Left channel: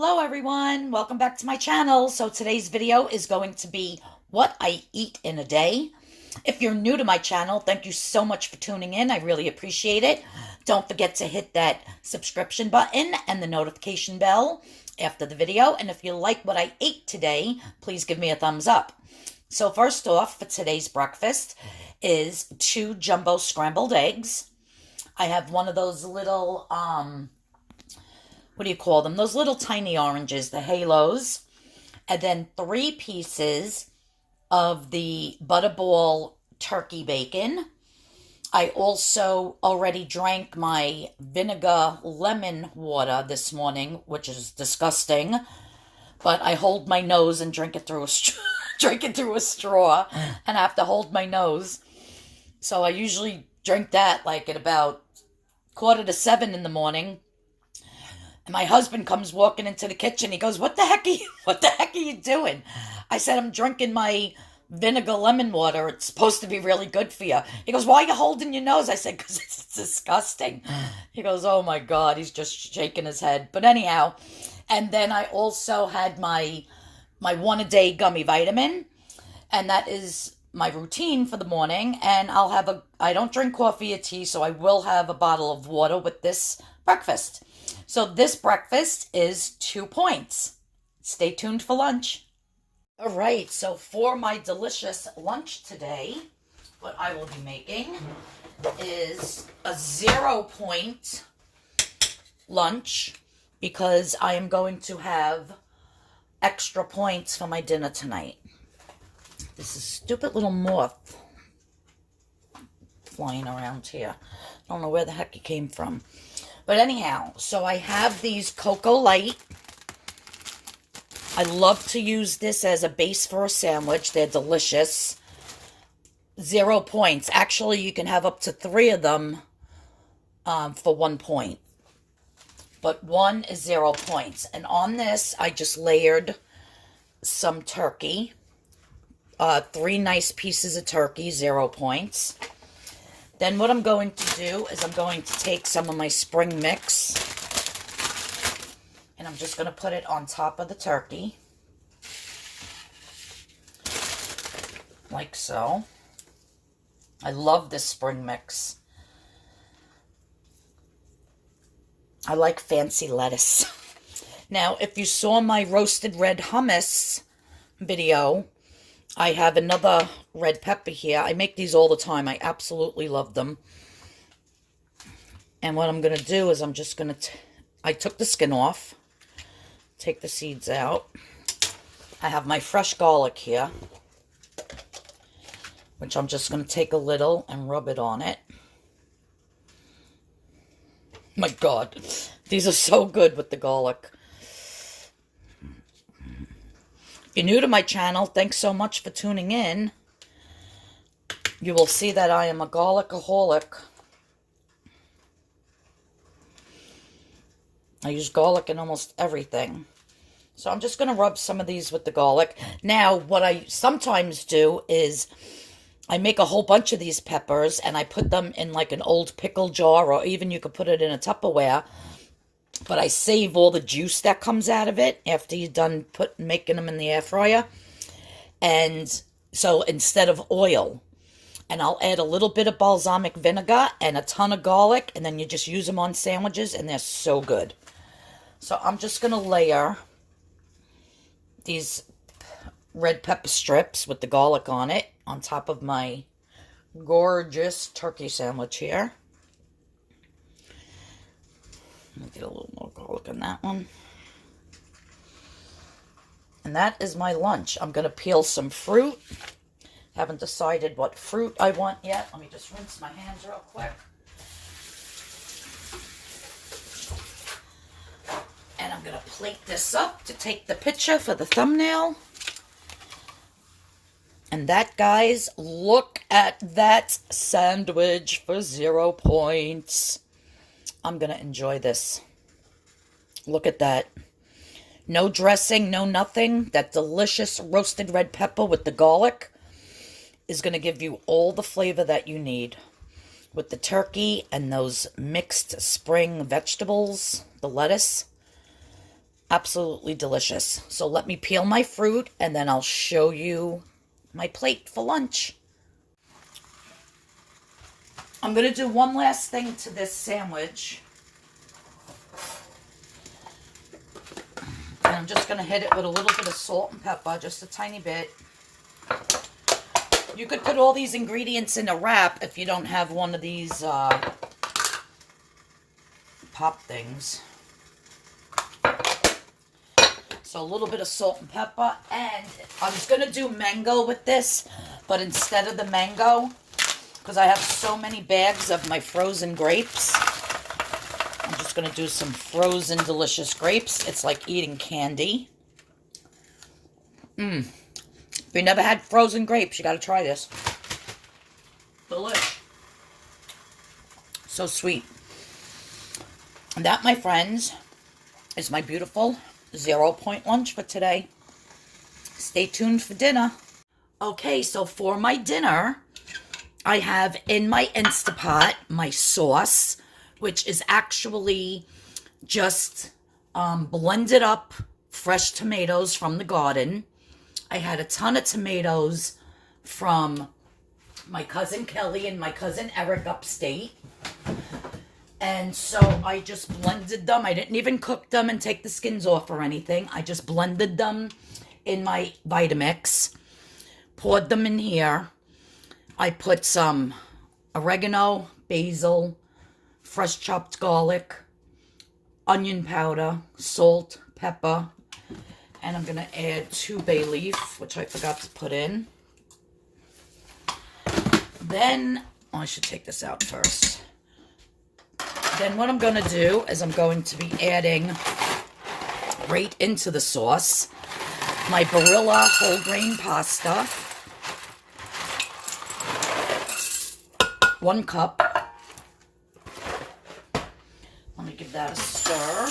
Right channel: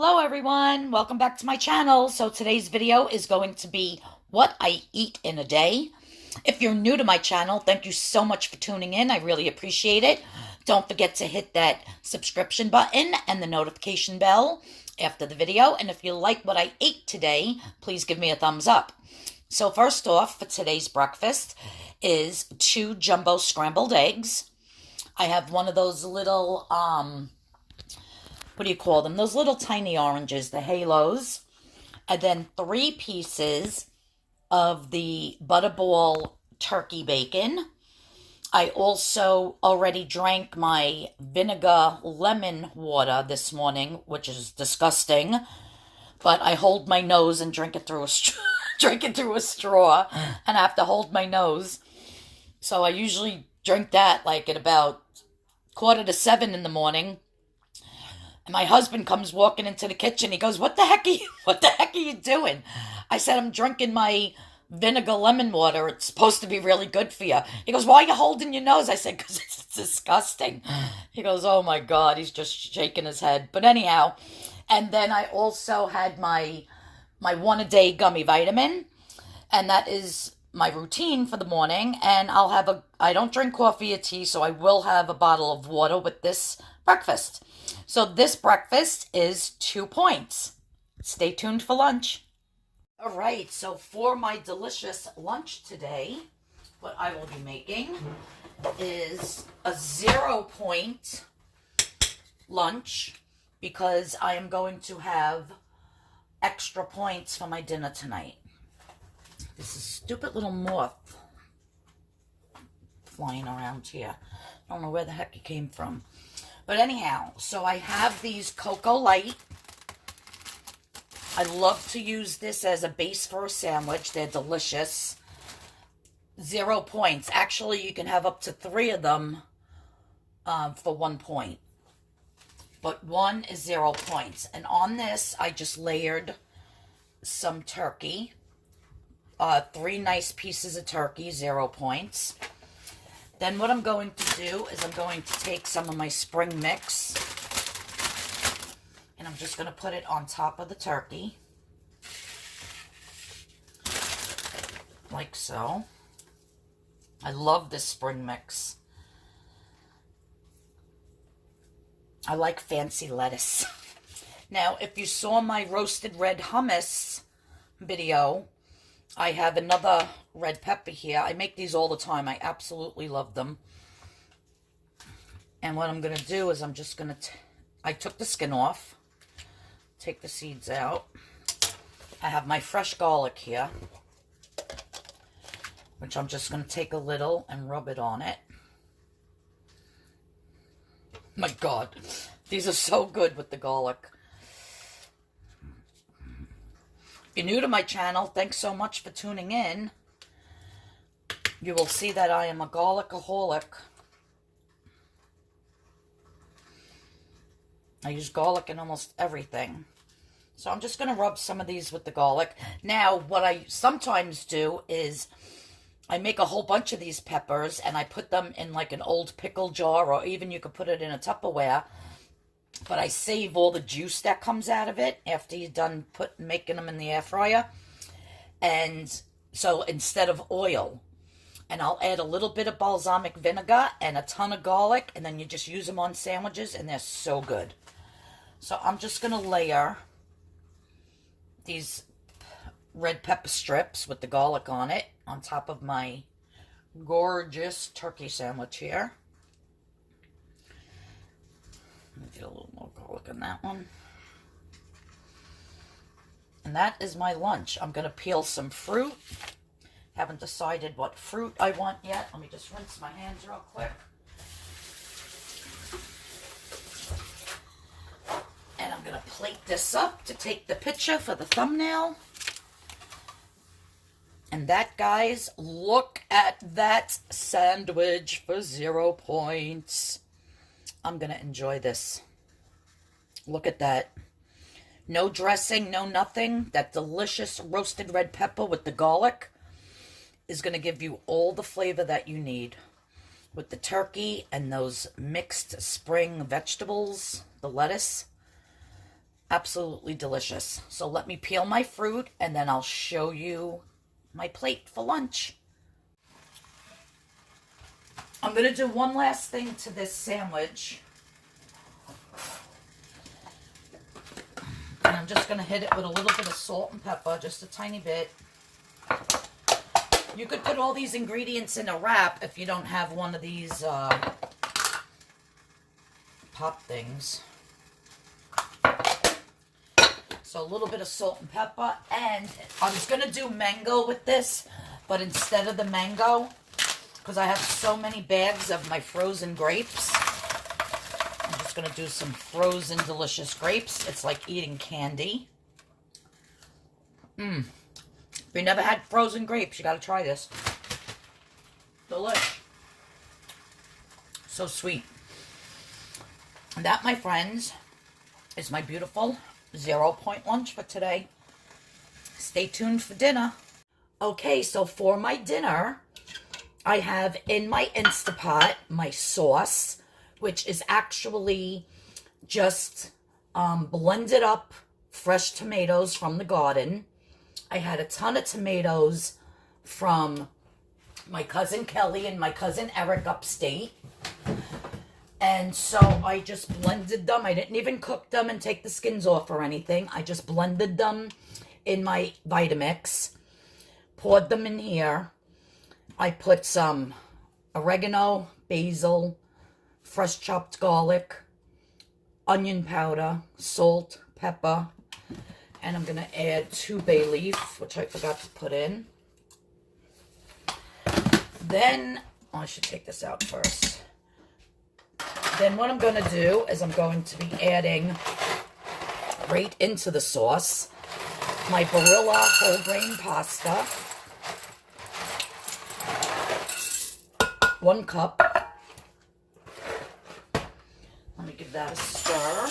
Hello everyone, welcome back to my channel. So today's video is going to be what I eat in a day. If you're new to my channel, thank you so much for tuning in. I really appreciate it. Don't forget to hit that subscription button and the notification bell after the video. And if you like what I ate today, please give me a thumbs up. So first off, for today's breakfast is 2 jumbo scrambled eggs. I have one of those little, what do you call them? Those little tiny oranges, the halos. And then 3 pieces of the Butterball turkey bacon. I also already drank my vinegar lemon water this morning, which is disgusting. But I hold my nose and drink it through a straw, and I have to hold my nose. So I usually drink that like at about 6:45 in the morning. And my husband comes walking into the kitchen. He goes, what the heck are you doing? I said, I'm drinking my vinegar lemon water. It's supposed to be really good for you. He goes, why are you holding your nose? I said, because it's disgusting. He goes, oh my God. He's just shaking his head. But anyhow, and then I also had my 1-a-day gummy vitamin. And that is my routine for the morning. And I don't drink coffee or tea, so I will have a bottle of water with this breakfast. So this breakfast is 2 points. Stay tuned for lunch. All right, so for my delicious lunch today, what I will be making is a 0-point lunch because I am going to have extra points for my dinner tonight. This is stupid little moth flying around here. I don't know where the heck it came from. But anyhow, so I have these Cocoa Light. I love to use this as a base for a sandwich. They're delicious. 0 points. Actually, you can have up to 3 of them for 1 point. But 1 is 0 points. And on this, I just layered some turkey. 3 nice pieces of turkey, 0 points. Then what I'm going to do is I'm going to take some of my spring mix and I'm just going to put it on top of the turkey. Like so. I love this spring mix. I like fancy lettuce. Now, if you saw my roasted red hummus video, I have another red pepper here. I make these all the time. I absolutely love them. And what I'm going to do is I'm just going to... I took the skin off. Take the seeds out. I have my fresh garlic here, which I'm just going to take a little and rub it on it. My God. These are so good with the garlic. If you're new to my channel, thanks so much for tuning in. You will see that I am a garlicaholic. I use garlic in almost everything. So I'm just going to rub some of these with the garlic. Now, what I sometimes do is I make a whole bunch of these peppers and I put them in like an old pickle jar, or even you could put it in a Tupperware. But I save all the juice that comes out of it after you're done making them in the air fryer. And so instead of oil, and I'll add a little bit of balsamic vinegar and a ton of garlic, and then you just use them on sandwiches, and they're so good. So I'm just going to layer these red pepper strips with the garlic on it on top of my gorgeous turkey sandwich here. Get a little more garlic on that one. And that is my lunch. I'm going to peel some fruit. Haven't decided what fruit I want yet. Let me just rinse my hands real quick. And I'm going to plate this up to take the picture for the thumbnail. And that, guys, look at that sandwich for 0 points. I'm going to enjoy this. Look at that. No dressing, no nothing. That delicious roasted red pepper with the garlic is going to give you all the flavor that you need. With the turkey and those mixed spring vegetables, the lettuce. Absolutely delicious. So let me peel my fruit and then I'll show you my plate for lunch. I'm going to do one last thing to this sandwich. And I'm just going to hit it with a little bit of salt and pepper, just a tiny bit. You could put all these ingredients in a wrap if you don't have one of these pop things. So a little bit of salt and pepper. And I was going to do mango with this, but instead of the mango, because I have so many bags of my frozen grapes, I'm just going to do some frozen delicious grapes. It's like eating candy. If you never had frozen grapes, you got to try this. Delish. So sweet. And that, my friends, is my beautiful 0-point lunch for today. Stay tuned for dinner. Okay, so for my dinner, I have in my Instapot my sauce, which is actually just blended up fresh tomatoes from the garden. I had a ton of tomatoes from my cousin Kelly and my cousin Eric upstate. And so I just blended them. I didn't even cook them and take the skins off or anything. I just blended them in my Vitamix, poured them in here. I put some oregano, basil, fresh chopped garlic, onion powder, salt, pepper, and I'm going to add 2 bay leaf, which I forgot to put in. Then, I should take this out first. Then what I'm going to do is I'm going to be adding right into the sauce my Barilla whole grain pasta, 1 cup. Let me give that a stir.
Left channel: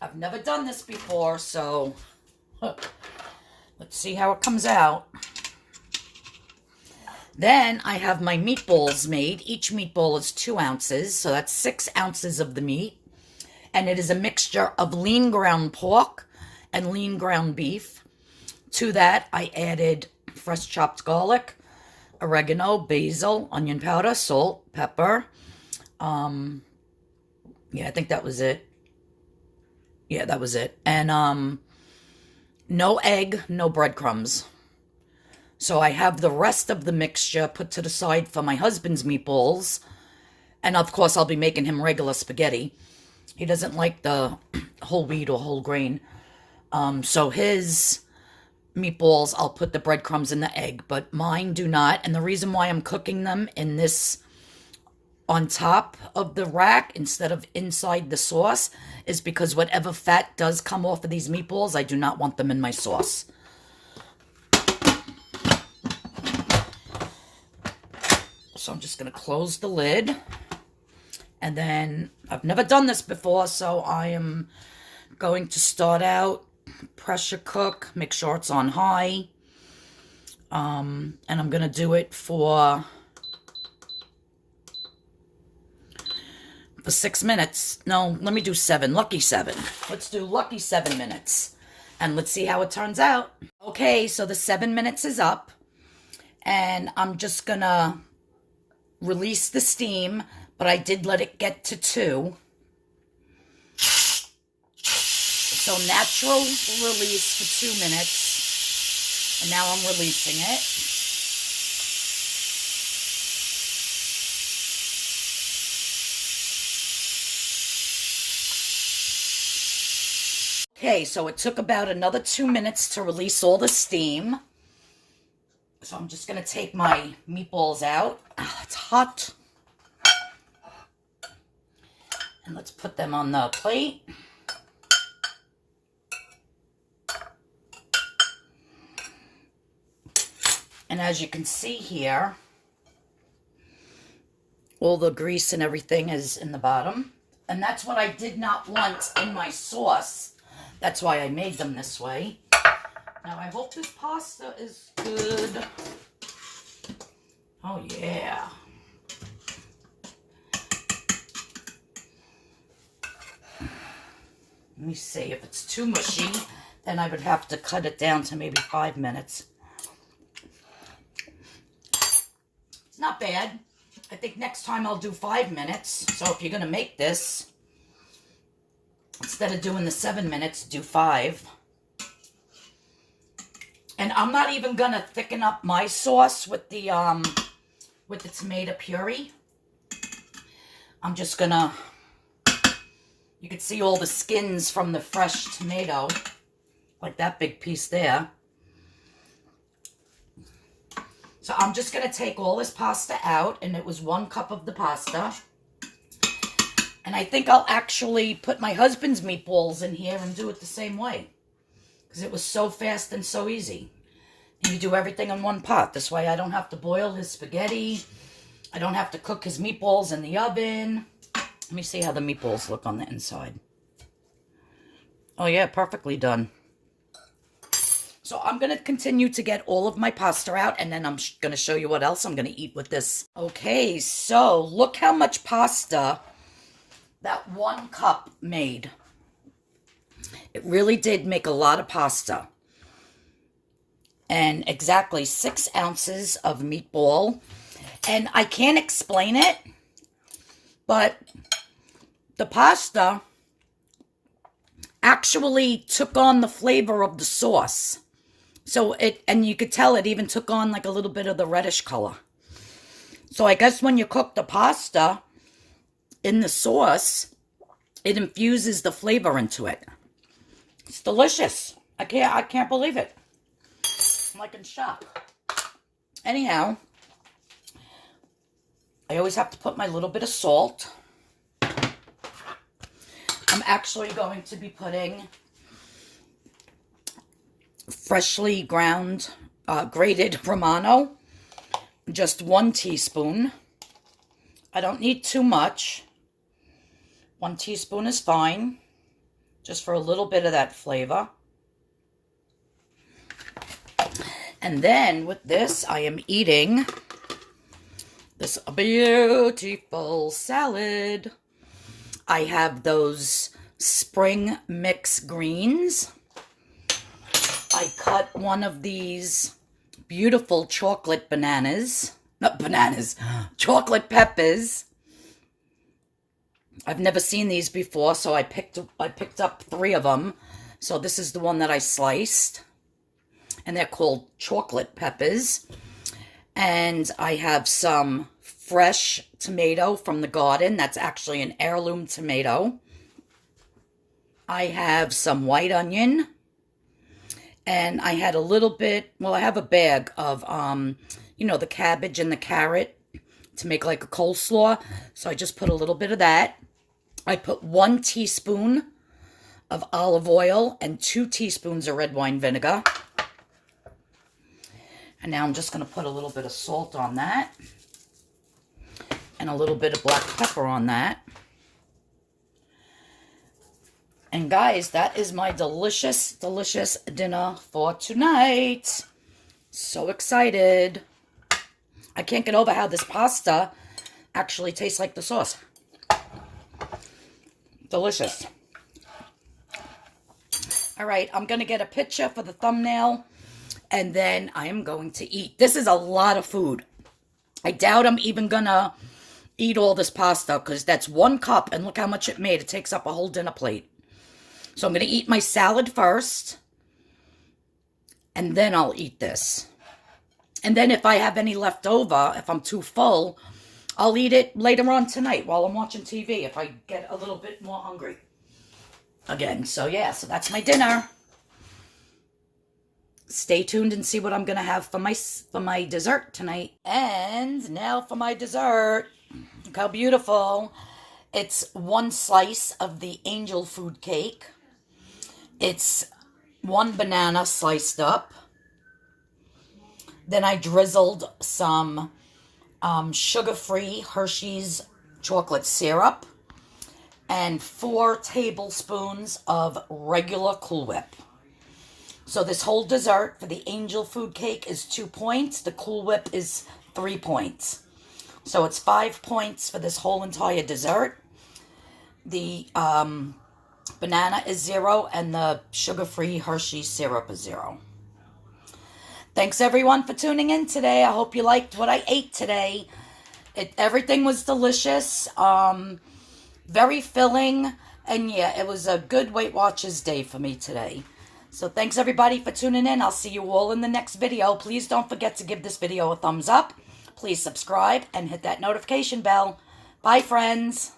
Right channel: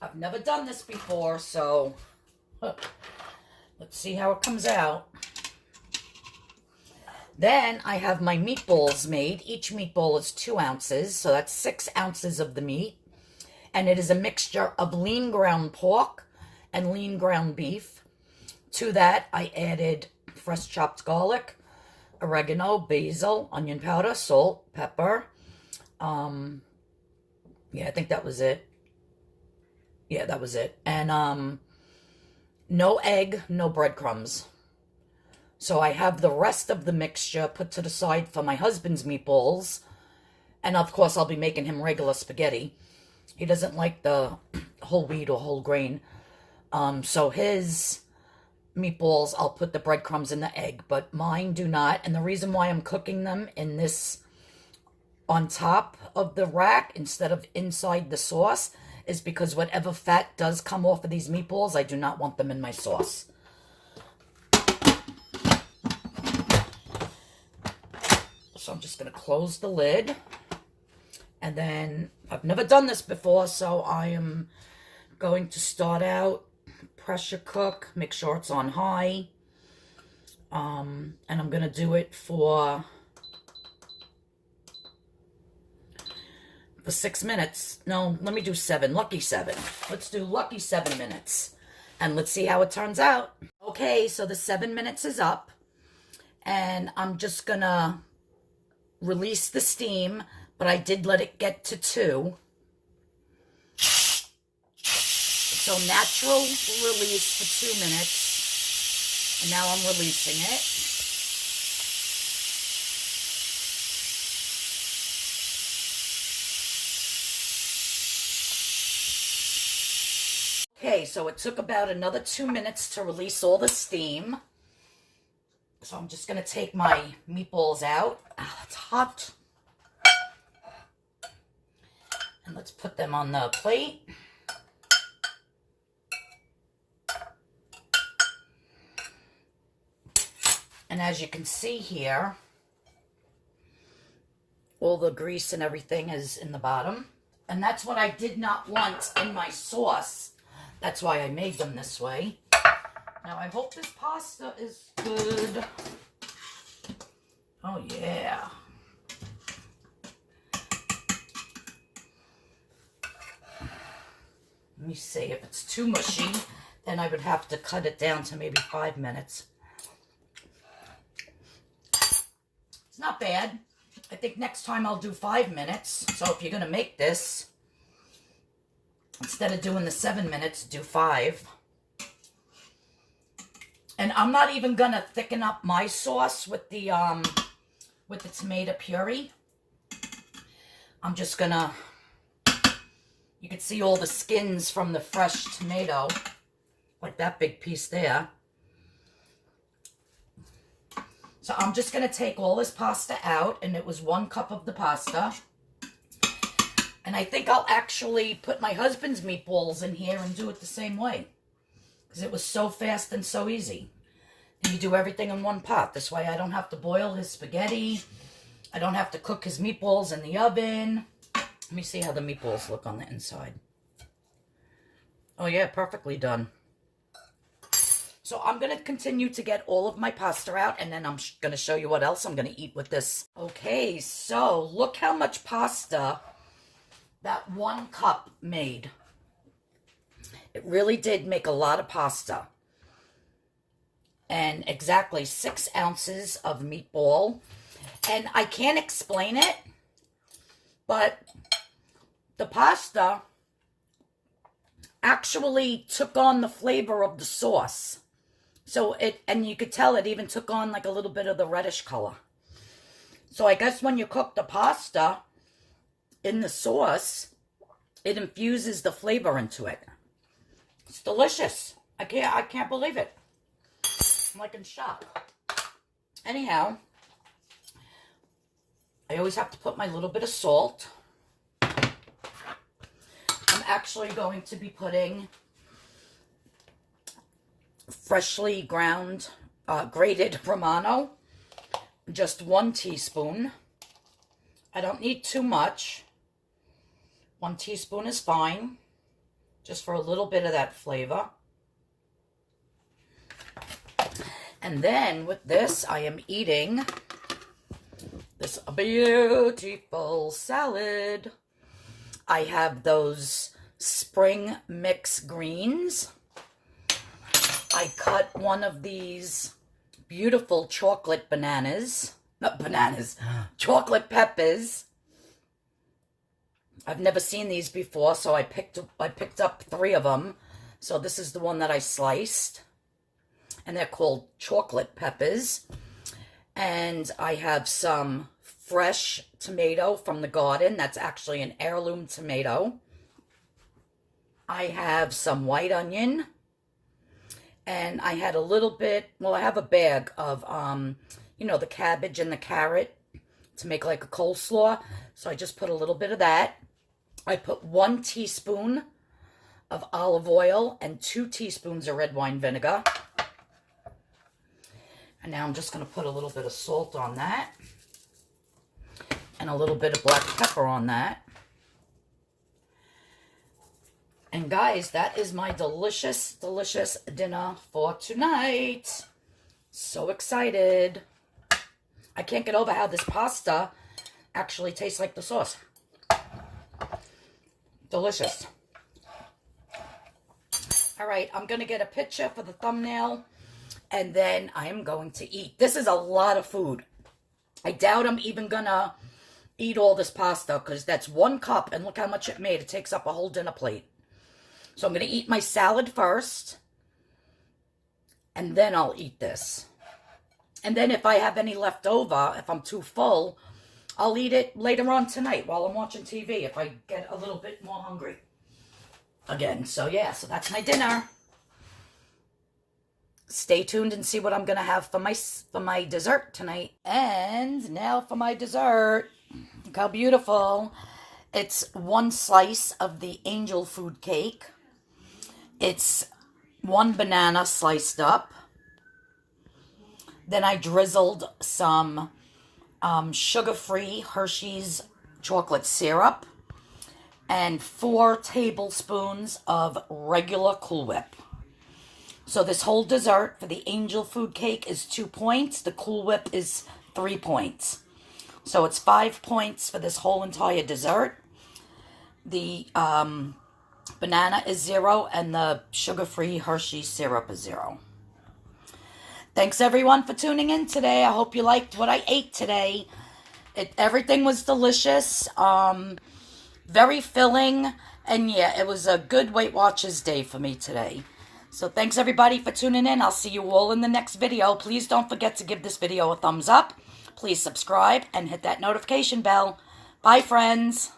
I've never done this before, so let's see how it comes out. Then I have my meatballs made. Each meatball is 2 ounces, so that's 6 ounces of the meat. And it is a mixture of lean ground pork and lean ground beef. To that, I added fresh chopped garlic, oregano, basil, onion powder, salt, pepper. Yeah, I think that was it. Yeah, that was it. And no egg, no breadcrumbs. So I have the rest of the mixture put to the side for my husband's meatballs. And of course, I'll be making him regular spaghetti. He doesn't like the whole wheat or whole grain. So his meatballs, I'll put the breadcrumbs and the egg, but mine do not. And the reason why I'm cooking them in this on top of the rack instead of inside the sauce is because whatever fat does come off of these meatballs, I do not want them in my sauce. So I'm just going to close the lid. And then, I've never done this before, so I am going to start out, pressure cook, make sure it's on high. And I'm going to do it for 6 minutes. No, let me do 7. Lucky 7. Let's do lucky 7 minutes. And let's see how it turns out. Okay, so the 7 minutes is up. And I'm just going to release the steam, but I did let it get to 2. So natural release for 2 minutes. And now I'm releasing it. Okay, so it took about another 2 minutes to release all the steam. So I'm just going to take my meatballs out. It's hot. And let's put them on the plate. And as you can see here, all the grease and everything is in the bottom. And that's what I did not want in my sauce. That's why I made them this way. Now, I hope this pasta is good. Oh, yeah. Let me see. If it's too mushy, then I would have to cut it down to maybe 5 minutes. It's not bad. I think next time I'll do 5 minutes. So if you're going to make this, instead of doing the 7 minutes, do 5. And I'm not even going to thicken up my sauce with the tomato puree. I'm just going to, you can see all the skins from the fresh tomato, like that big piece there. So I'm just going to take all this pasta out, and it was 1 cup of the pasta. And I think I'll actually put my husband's meatballs in here and do it the same way, because it was so fast and so easy. And you do everything in 1 pot. This way I don't have to boil his spaghetti. I don't have to cook his meatballs in the oven. Let me see how the meatballs look on the inside. Oh yeah, perfectly done. So I'm going to continue to get all of my pasta out, and then I'm going to show you what else I'm going to eat with this. Okay, so look how much pasta that 1 cup made. It really did make a lot of pasta. And exactly 6 ounces of meatball. And I can't explain it, but the pasta actually took on the flavor of the sauce. So and you could tell it even took on like a little bit of the reddish color. So I guess when you cook the pasta in the sauce, it infuses the flavor into it. It's delicious. I can't believe it. I'm like in shock. Anyhow, I always have to put my little bit of salt. I'm actually going to be putting freshly ground, grated Romano, just 1 teaspoon. I don't need too much. 1 teaspoon is fine, just for a little bit of that flavor. And then with this, I am eating this beautiful salad. I have those spring mix greens. I cut one of these beautiful chocolate chocolate peppers. I've never seen these before, so I picked up 3 of them. So this is the one that I sliced. And they're called chocolate peppers. And I have some fresh tomato from the garden. That's actually an heirloom tomato. I have some white onion. And I had a little bit, well, I have a bag of, you know, the cabbage and the carrot to make like a coleslaw. So I just put a little bit of that. I put 1 teaspoon of olive oil and 2 teaspoons of red wine vinegar. And now I'm just going to put a little bit of salt on that. And a little bit of black pepper on that. And guys, that is my delicious, delicious dinner for tonight. So excited. I can't get over how this pasta actually tastes like the sauce. Delicious. All right, I'm going to get a picture for the thumbnail. And then I am going to eat. This is a lot of food. I doubt I'm even going to eat all this pasta, because that's 1 cup. And look how much it made. It takes up a whole dinner plate. So I'm going to eat my salad first, and then I'll eat this. And then if I have any left over, if I'm too full, I'll eat it later on tonight while I'm watching TV if I get a little bit more hungry again. So yeah, so that's my dinner. Stay tuned and see what I'm going to have for my dessert tonight. And now for my dessert. Look how beautiful. It's 1 slice of the angel food cake. It's 1 banana sliced up. Then I drizzled some sugar-free Hershey's chocolate syrup and 4 tablespoons of regular Cool Whip. So this whole dessert for the angel food cake is 2 points. The Cool Whip is 3 points. So it's 5 points for this whole entire dessert. The banana is 0, and the sugar-free Hershey syrup is 0. Thanks everyone for tuning in today. I hope you liked what I ate today. Everything was delicious, very filling, and yeah, it was a good Weight Watchers day for me today. So thanks everybody for tuning in. I'll see you all in the next video. Please don't forget to give this video a thumbs up. Please subscribe and hit that notification bell. Bye, friends.